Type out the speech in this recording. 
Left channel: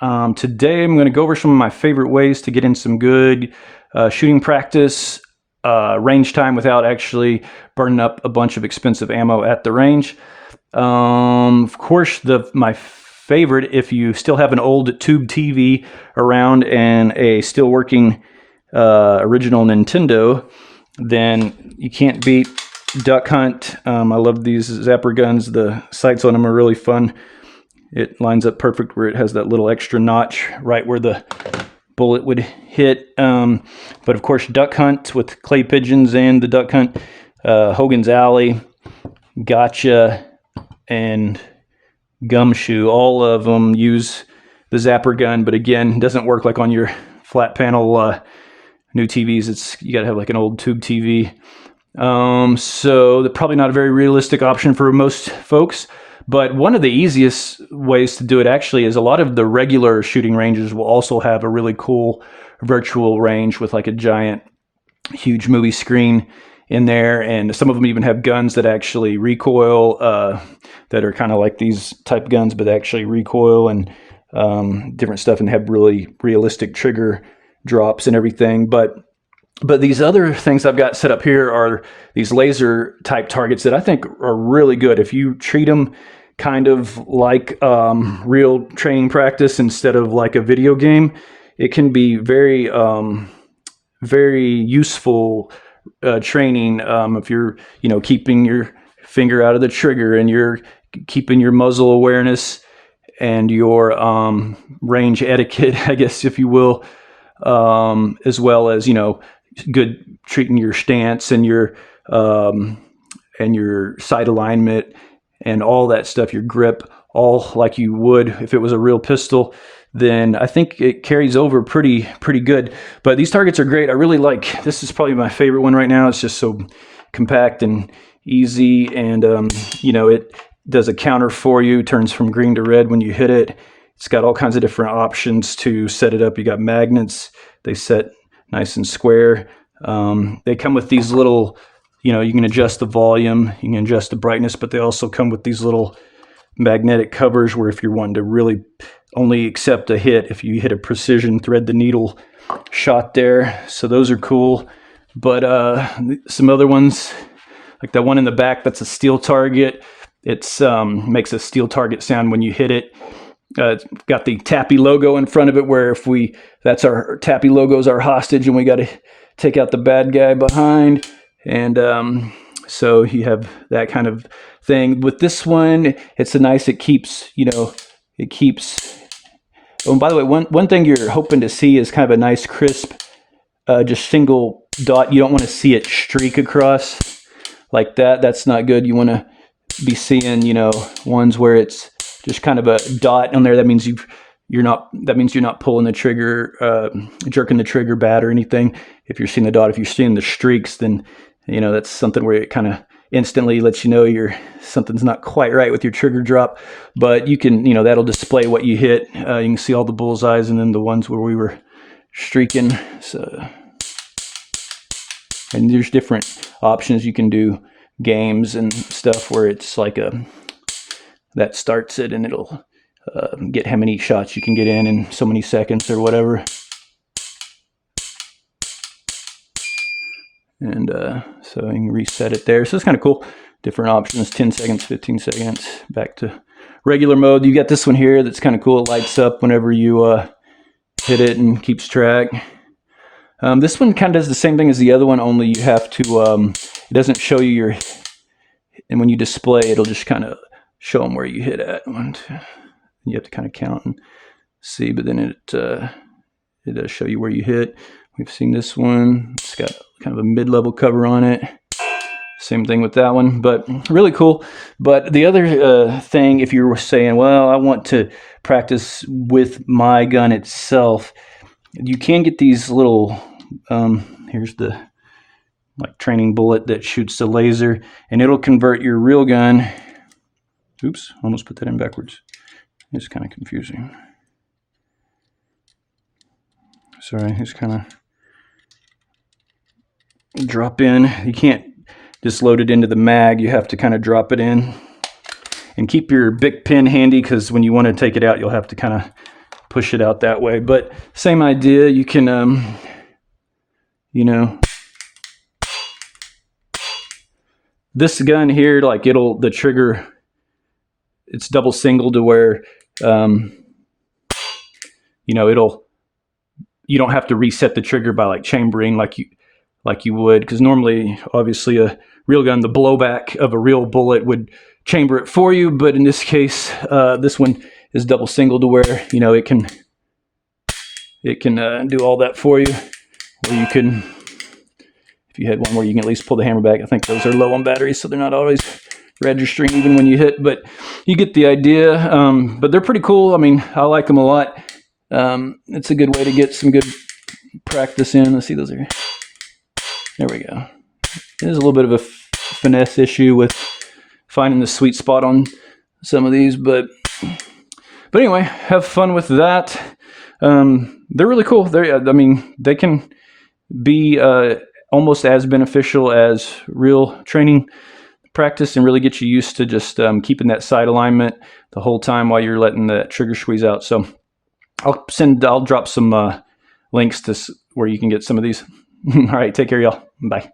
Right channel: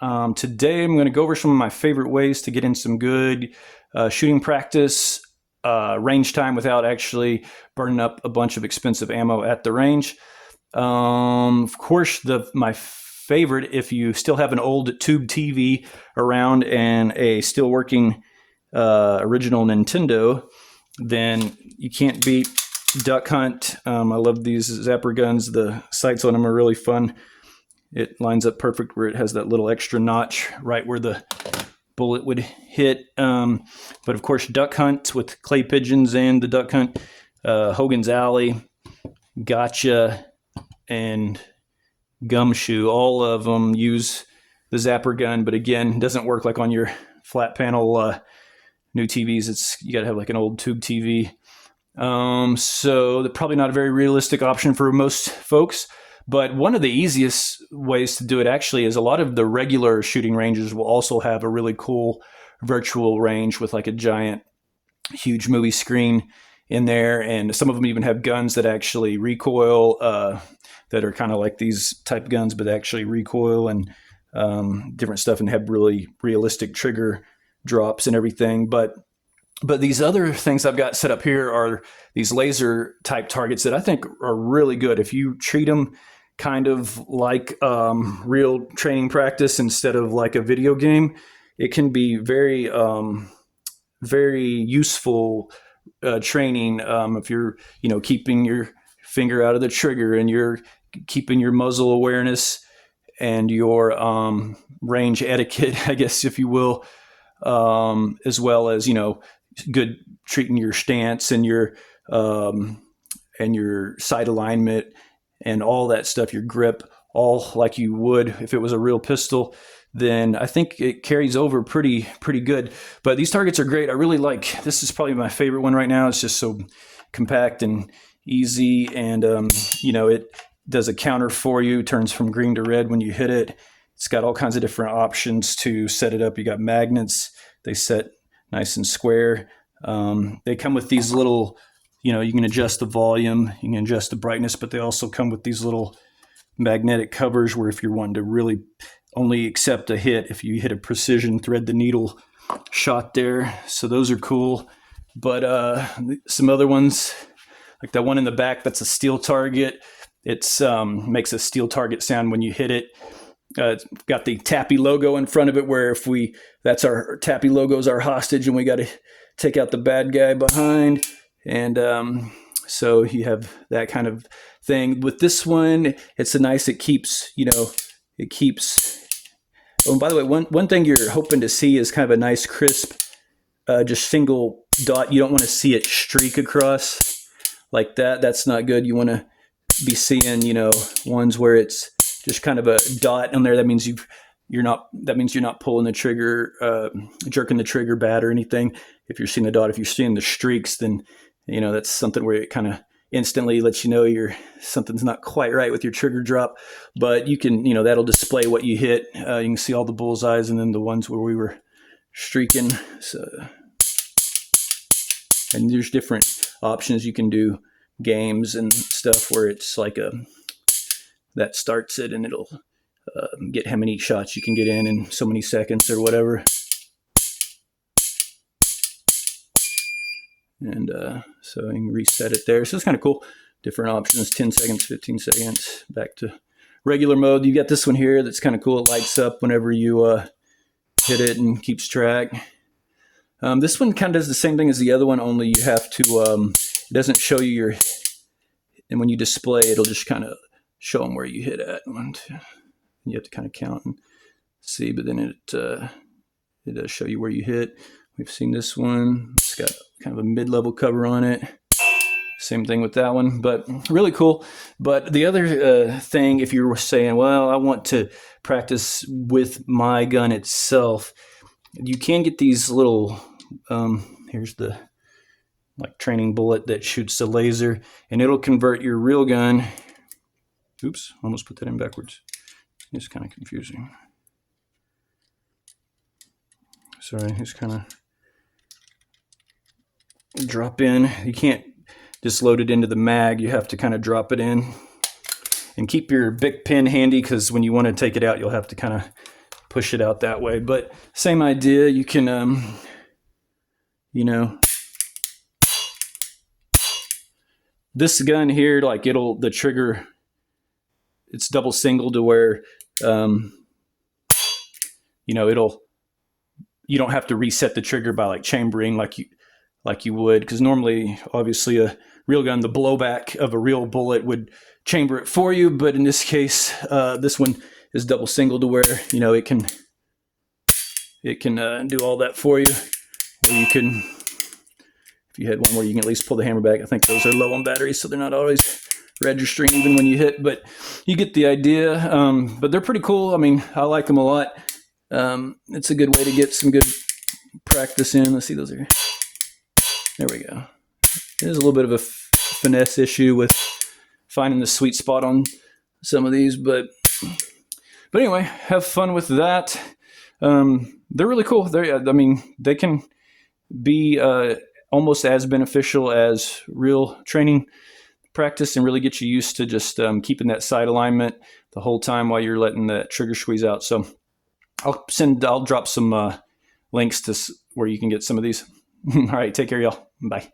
Today I'm going to go over some of my favorite ways to get in some good shooting practice, range time without actually burning up a bunch of expensive ammo at the range. Of course, my favorite, if you still have an old tube TV around and a still working original Nintendo, then you can't beat Duck Hunt. I love these zapper guns. The sights on them are really fun. It lines up perfect where it has that little extra notch right where the bullet would hit. But of course, Duck Hunt with clay pigeons and the Duck Hunt, Hogan's Alley, Gotcha, and Gumshoe. All of them use the zapper gun, but again, it doesn't work like on your flat panel new TVs. You got to have like an old tube TV. So they're probably not a very realistic option for most folks. But one of the easiest ways to do it actually is a lot of the regular shooting ranges will also have a really cool virtual range with like a giant, huge movie screen in there. And some of them even have guns that actually recoil, that are kind of like these type guns, but actually recoil and different stuff and have really realistic trigger drops and everything. But these other things I've got set up here are these laser type targets that I think are really good. If you treat them kind of like real training practice instead of like a video game, it can be very, very useful training. If you're, keeping your finger out of the trigger and you're keeping your muzzle awareness and your range etiquette, I guess, if you will, as well as, good treating your stance and your sight alignment and all that stuff, your grip, all like you would if it was a real pistol, then I think it carries over pretty good. But these targets are great. I really like, this is probably my favorite one right now. It's just so compact and easy, and it does a counter for you, turns from green to red when you hit it. It's got all kinds of different options to set it up. You got magnets, they set nice and square. They come with these little, you can adjust the volume, you can adjust the brightness, but they also come with these little magnetic covers where if you're wanting to really only accept a hit, if you hit a precision thread the needle shot there. So those are cool. But some other ones, like that one in the back, that's a steel target. It's makes a steel target sound when you hit it. It's got the Tappy logo in front of it, where that's our Tappy logo is our hostage, and we got to take out the bad guy behind. And so you have that kind of thing. With this one, it's it keeps, it keeps. Oh, and by the way, one thing you're hoping to see is kind of a nice crisp, just single dot. You don't want to see it streak across like that. That's not good. You want to be seeing, ones where it's just kind of a dot on there. That means you're not pulling the trigger, jerking the trigger bad or anything. If you're seeing the dot, if you're seeing the streaks, then that's something where it kind of instantly lets you know something's not quite right with your trigger drop. But you can, that'll display what you hit. You can see all the bullseyes and then the ones where we were streaking. So, and there's different options. You can do games and stuff where it's like that starts it and it'll get how many shots you can get in so many seconds or whatever. And so you can reset it there. So it's kind of cool. Different options, 10 seconds, 15 seconds, back to regular mode. You got this one here that's kind of cool. It lights up whenever you hit it and keeps track. This one kind of does the same thing as the other one, only you have to, it doesn't show you and when you display, it'll just kind of show them where you hit at. You have to kind of count and see, but then it does show you where you hit. We've seen this one. It's got kind of a mid-level cover on it. Same thing with that one, but really cool. But the other thing, if you're saying, well, I want to practice with my gun itself, you can get these little, here's the training bullet that shoots the laser, and it'll convert your real gun. Oops, almost put that in backwards. It's kind of confusing. Sorry, it's kind of drop in. You can't just load it into the mag. You have to kind of drop it in. And keep your Bic pen handy, because when you want to take it out, you'll have to kind of push it out that way. But same idea. You can, you know, this gun here, like the trigger, it's double single to where, you know, you don't have to reset the trigger by like chambering like you would, because normally, obviously, a real gun, the blowback of a real bullet would chamber it for you. But in this case, this one is double single to where, you know, it can do all that for you. Or you can, if you had one where you can at least pull the hammer back. I think those are low on batteries, so they're not always registering even when you hit, but you get the idea. But they're pretty cool. I mean, I like them a lot. It's a good way to get some good practice in. Let's see, those are, there we go. There's a little bit of a finesse issue with finding the sweet spot on some of these, but anyway, have fun with that. They're really cool. They can be almost as beneficial as real training practice and really get you used to just keeping that sight alignment the whole time while you're letting the trigger squeeze out. So I'll drop some links to where you can get some of these. All right, take care, y'all. Bye.